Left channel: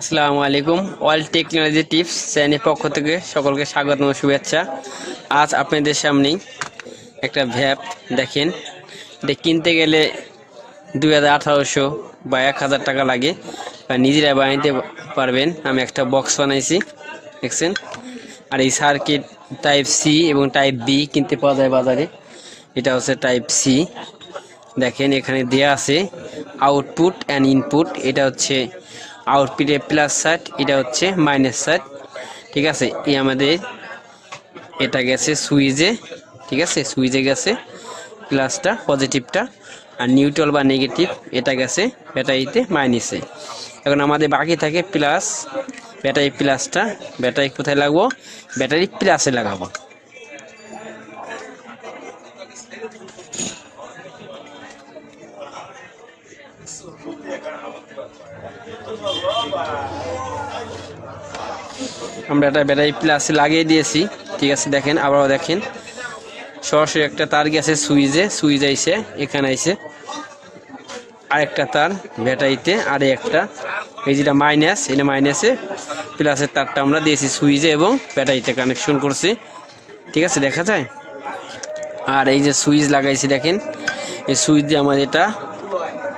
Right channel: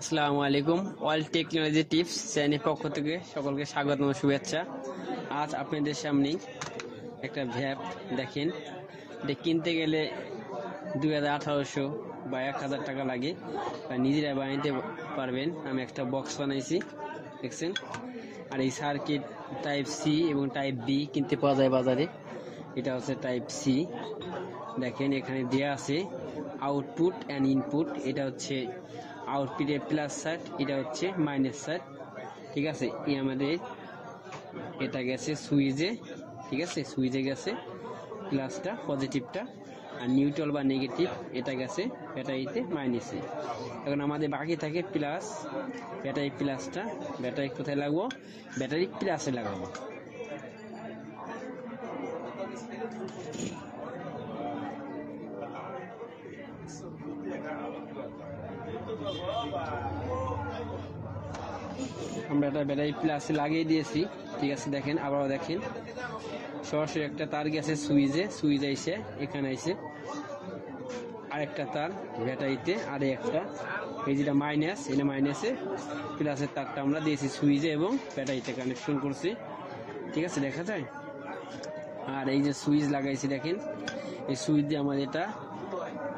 আসসালামু আলাইকুম। All technology tips চ্যানেলের পক্ষ থেকে সকলকে স্বাগত ও শুভেচ্ছা। আজ আপনাদের সামনে একটা ভ্যাপ দেখেন, এটা কিনতে গেলে 2800 বা 1000 টাকা লাগে, বা নিজেরা বানাইতে পারবেন। আমি একটা বক্স বানাইছি দেখছেন। আর এই সার্কিট টাইপ সি এবং টাইপ বি কিনতে পাওয়া যায় বাজারে। এটা হচ্ছে টাইপ সি, দেখেন এখানে দেয়া আছে আউটপুট অ্যান্ড ইনপুট। এটা হচ্ছে আউটপুটে প্লাস সাইড, এটা হচ্ছে মাইনাস সাইড, ঠিক আছে। আমাদের এটা গেছে সুইচে, ঠিক আছে, সুইচে গেছে প্লাসটা, পজিটিভটা, আর নিউট্রাল বা নেগেটিভ এটা গেছে ব্যাটারিতে মাইনাসে। এখন আমাদের বাকি থাকে প্লাস, ব্যাটারি প্লাসটা। ব্যাটারি কোথায় লাগবো? ব্যাটারি প্লাসে লাগাবো। আমরা এটা ব্যাটারি প্লাসে লাগিয়ে দিয়েছি, ঠিক আছে। দেখেন আবারও দেখেন, সরাসরি একটা তার গেছে সুইচে, সুইচ আইছে এখানে আইছে আরেকটা তার ব্যাটারিতে, আর একটা এই যেটা মাইনাস, এটা মাইনাসে প্লাসের তারটা আমরা দিয়েছি সুইচে এবং ব্যাটারিতে কানেকশন করছি, ঠিক আছে, দেখা যায়। আর এই যে সুইচ লাগাইছি দেখেন, এই সুইচ দিয়ে আমাদের এটা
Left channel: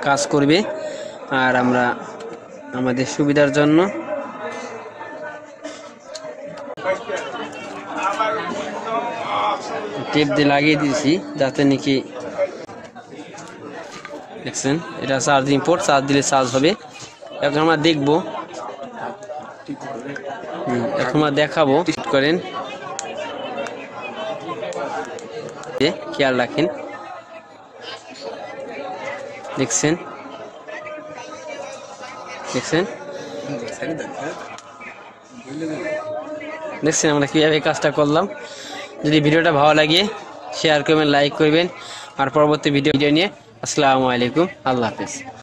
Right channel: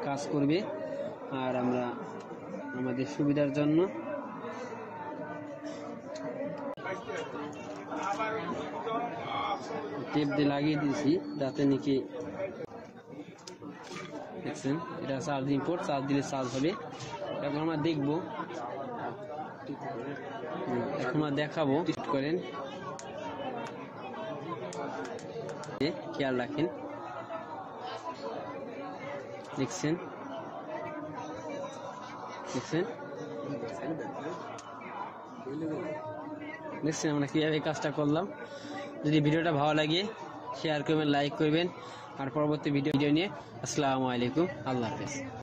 কাজ করবে। আর আমরা আমাদের সুবিধার জন্য টেপ দিয়ে লাগিয়ে দিয়েছি যাতে নাকি, দেখছেন এটা চার্জিং পোর্ট, চার্জ দিলে চার্জ হবে। এখন আমরা দেখবো, এখন আমরা দেখাবো করেন, খেয়াল রাখেন, দেখছেন দেখছেন দেখছেন আমরা কীভাবে কাজটা করলাম। যদি ভিডিওটা ভালো লাগে শেয়ার করবেন, লাইক করবেন, আর পরবর্তী ভিডিও নিয়ে আসসালামু আলাইকুম, আল্লাহ হাফেজ।